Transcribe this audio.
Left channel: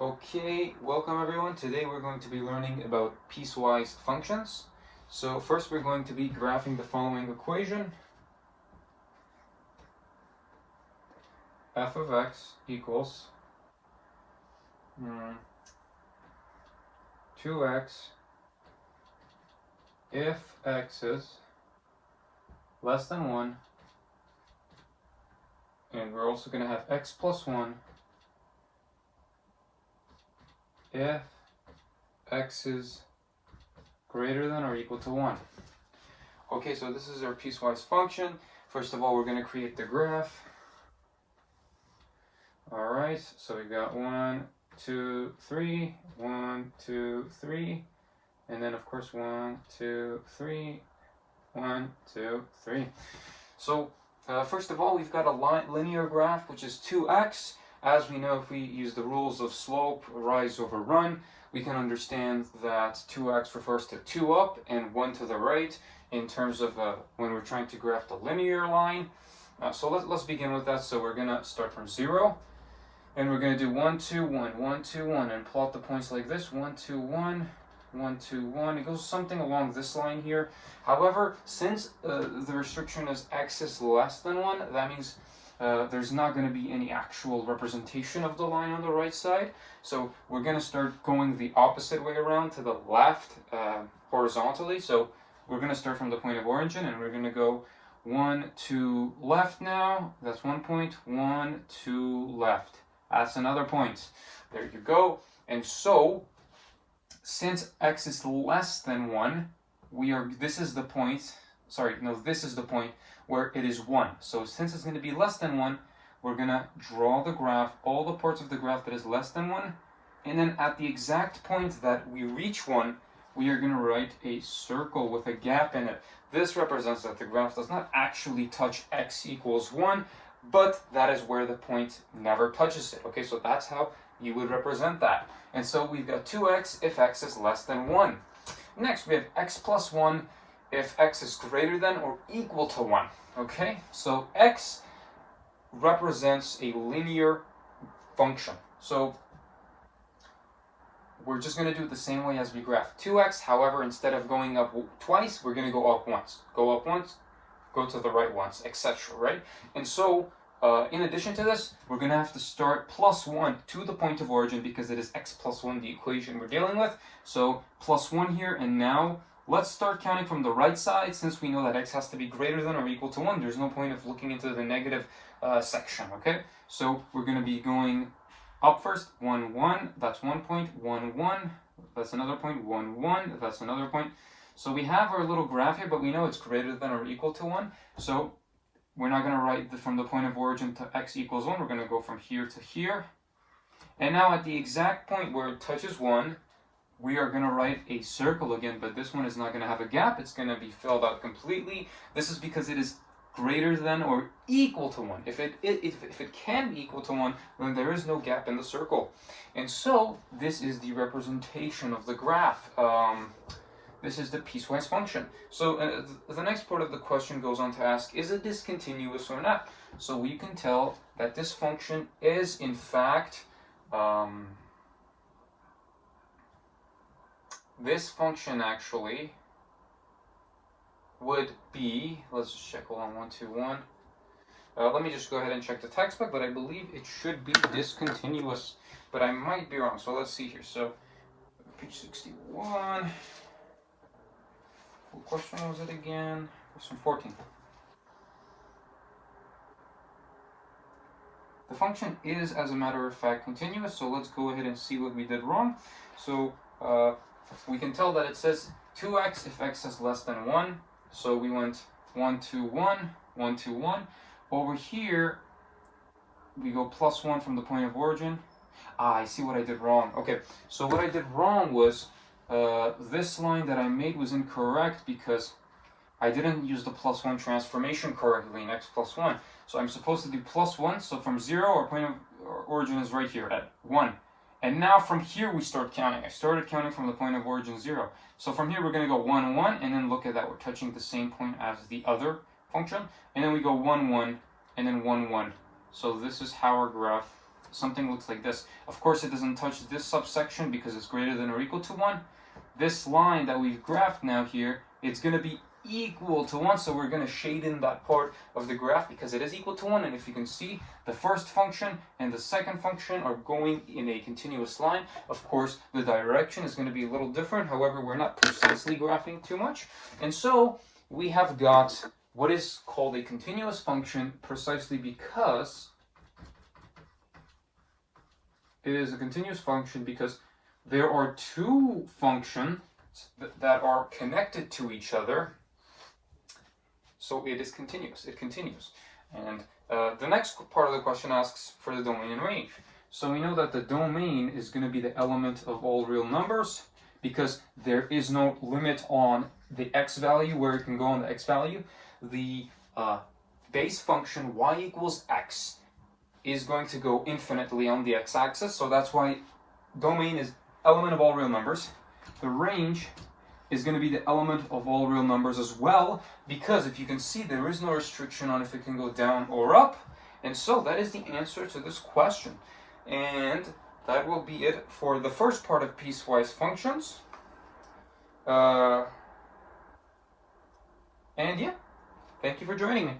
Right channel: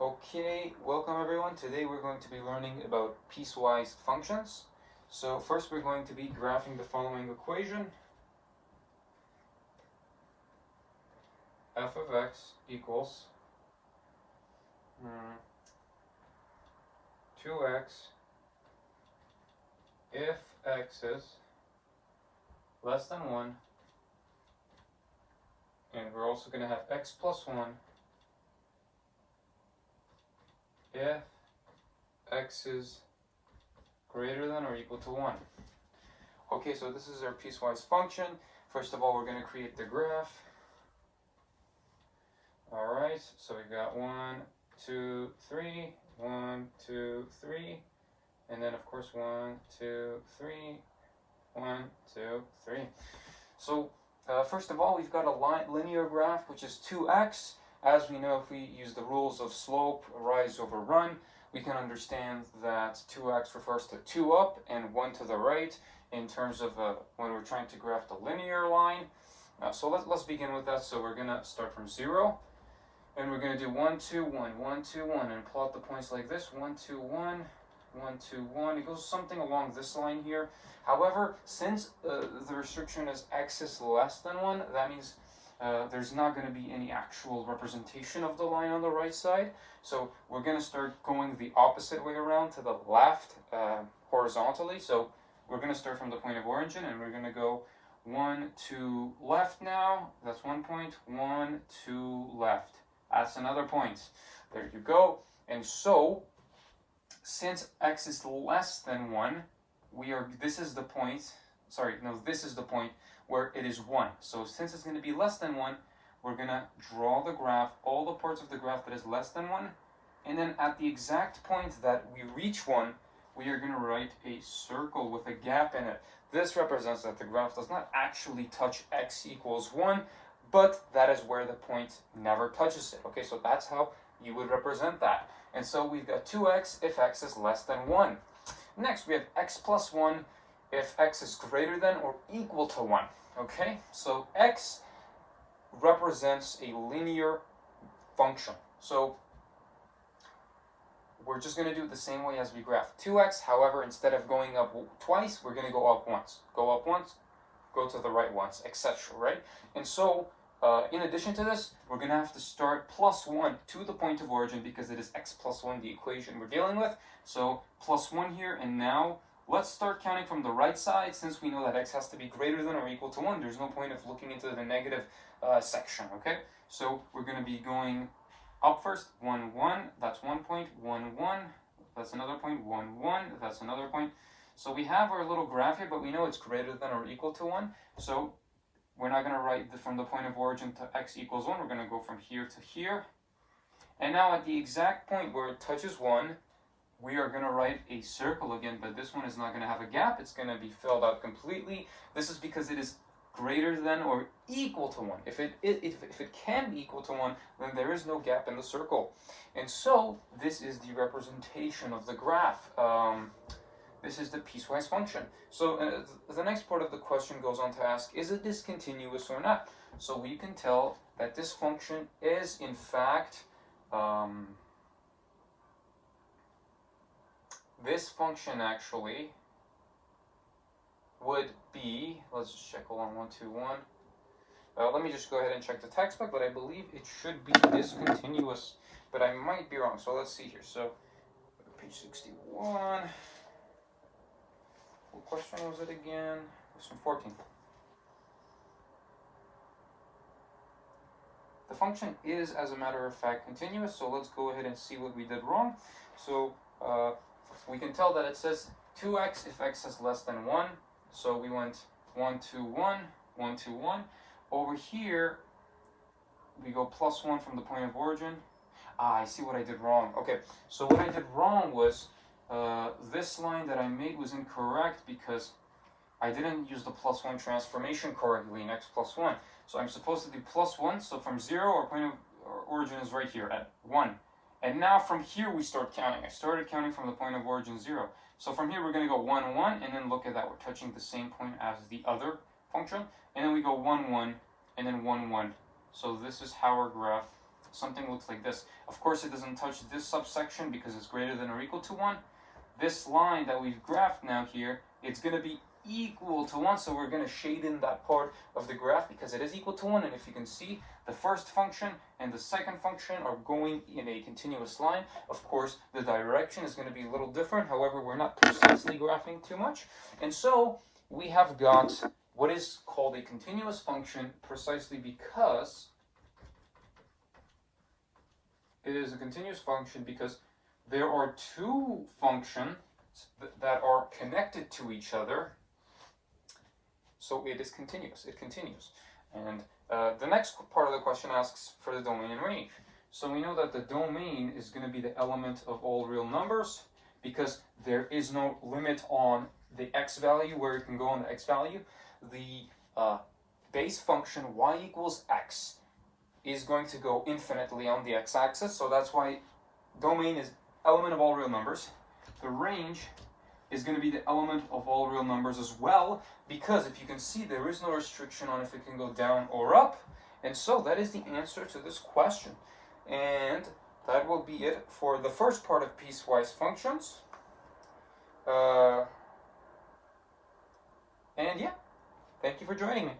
Okay, welcome everyone. Today we're going to be learning about piecewise functions. So first we're going to be graphing the following equation. F of x equals 2x if x is less than 1, and we're also going to have x plus 1 if x is greater than or equal to 1. Okay, so this is our piecewise function. First of all, we're going to create the graph. Alright, so we got 1, 2, 3, 1, 2, 3, and then of course 1, 2, 3, 1, 2, 3. So first of all, we've got a linear graph, which is 2x. As we know, if we use the rules of slope, rise over run, we can understand that 2x refers to 2 up and 1 to the right in terms of when we're trying to graph the linear line. So let's begin with that. So we're going to start from 0. And we're going to do 1, 2, 1, 1, 2, 1, and plot the points like this. 1, 2, 1, 1, 2, 1. It goes something along this line here. However, since the restriction is x is less than 1, that means there's not going to be any actual representation of the line on the right side. So we're going to start going the opposite way around to the left horizontally. So we're going to start from the point of origin, and we're going to go 1, 2, left now. That's 1 point. 1, 2, left. That's another point. There you go. And so, since x is less than 1, this is the point where it is 1. So since it's going to be less than 1, we're going to draw the graph, all the parts of the graph that is less than 1, and then at the exact point that we reach 1, we are going to write a circle with a gap in it. This represents that the graph does not actually touch x equals 1, but that is where the point never touches it. Okay, so that's how you would represent that. And so we've got 2x if x is less than 1. Next, we have x plus 1 if x is greater than or equal to 1. Okay, so x represents a linear function. So we're just going to do it the same way as we graph 2x. However, instead of going up twice, we're going to go up once. Go up once, go to the right once, etc. Right? And so, in addition to this, we're going to have to start plus 1 to the point of origin because it is x plus 1, the equation we're dealing with. So plus 1 here, and now let's start counting from the right side. Since we know that x has to be greater than or equal to 1, there's no point of looking into the negative section. Okay, so we're going to be going up first. 1, 1, that's 1 point. 1, 1, that's another point. 1, 1, that's another point. So we have our little graph here, but we know it's greater than or equal to 1. So we're not going to write from the point of origin to x equals 1. We're going to go from here to here. And now at the exact point where it touches 1, we are going to write a circle again, but this one is not going to have a gap. It's going to be filled out completely. This is because it is greater than or equal to 1. If it can be equal to 1, then there is no gap in the circle. And so this is the representation of the graph. This is the piecewise function. So the next part of the question goes on to ask, is it discontinuous or not? So we can tell that this function is in fact, this function actually would be, let's just check, hold on, 1, 2, 1. Let me just go ahead and check the textbook, but I believe it should be discontinuous, but I might be wrong. So let's see here. So page 61. What question was it again? Question 14. The function is, as a matter of fact, continuous, so let's go ahead and see what we did wrong. So we can tell that it says 2x if x is less than 1. So we went 1, 2, 1, 1, 2, 1. Over here, we go plus 1 from the point of origin. I see what I did wrong. Okay, so what I did wrong was this line that I made was incorrect because I didn't use the plus 1 transformation correctly in x plus 1. So I'm supposed to do plus 1. So from 0, our point of origin is right here at 1. And now from here we start counting. I started counting from the point of origin 0. So from here we're going to go 1, 1, and then look at that. We're touching the same point as the other function. And then we go 1, 1, and then 1, 1. So this is how our graph something looks like this. Of course, it doesn't touch this subsection because it's greater than or equal to 1. This line that we've graphed now here, it's going to be equal to 1, so we're going to shade in that part of the graph because it is equal to 1. And if you can see, the first function and the second function are going in a continuous line. Of course, the direction is going to be a little different. However, we're not precisely graphing too much. And so we have got what is called a continuous function precisely because it is a continuous function because there are two functions that are connected to each other. So it is continuous, it continues. And the next part of the question asks for the domain and range. So we know that the domain is going to be the element of all real numbers because there is no limit on the x value where it can go on the x value. The base function y equals x is going to go infinitely on the x-axis. So that's why domain is element of all real numbers. The range is going to be the element of all real numbers as well, because if you can see, there is no restriction on if it can go down or up. And so that is the answer to this question. And that will be it for the first part of piecewise functions. And yeah, thank you for joining me.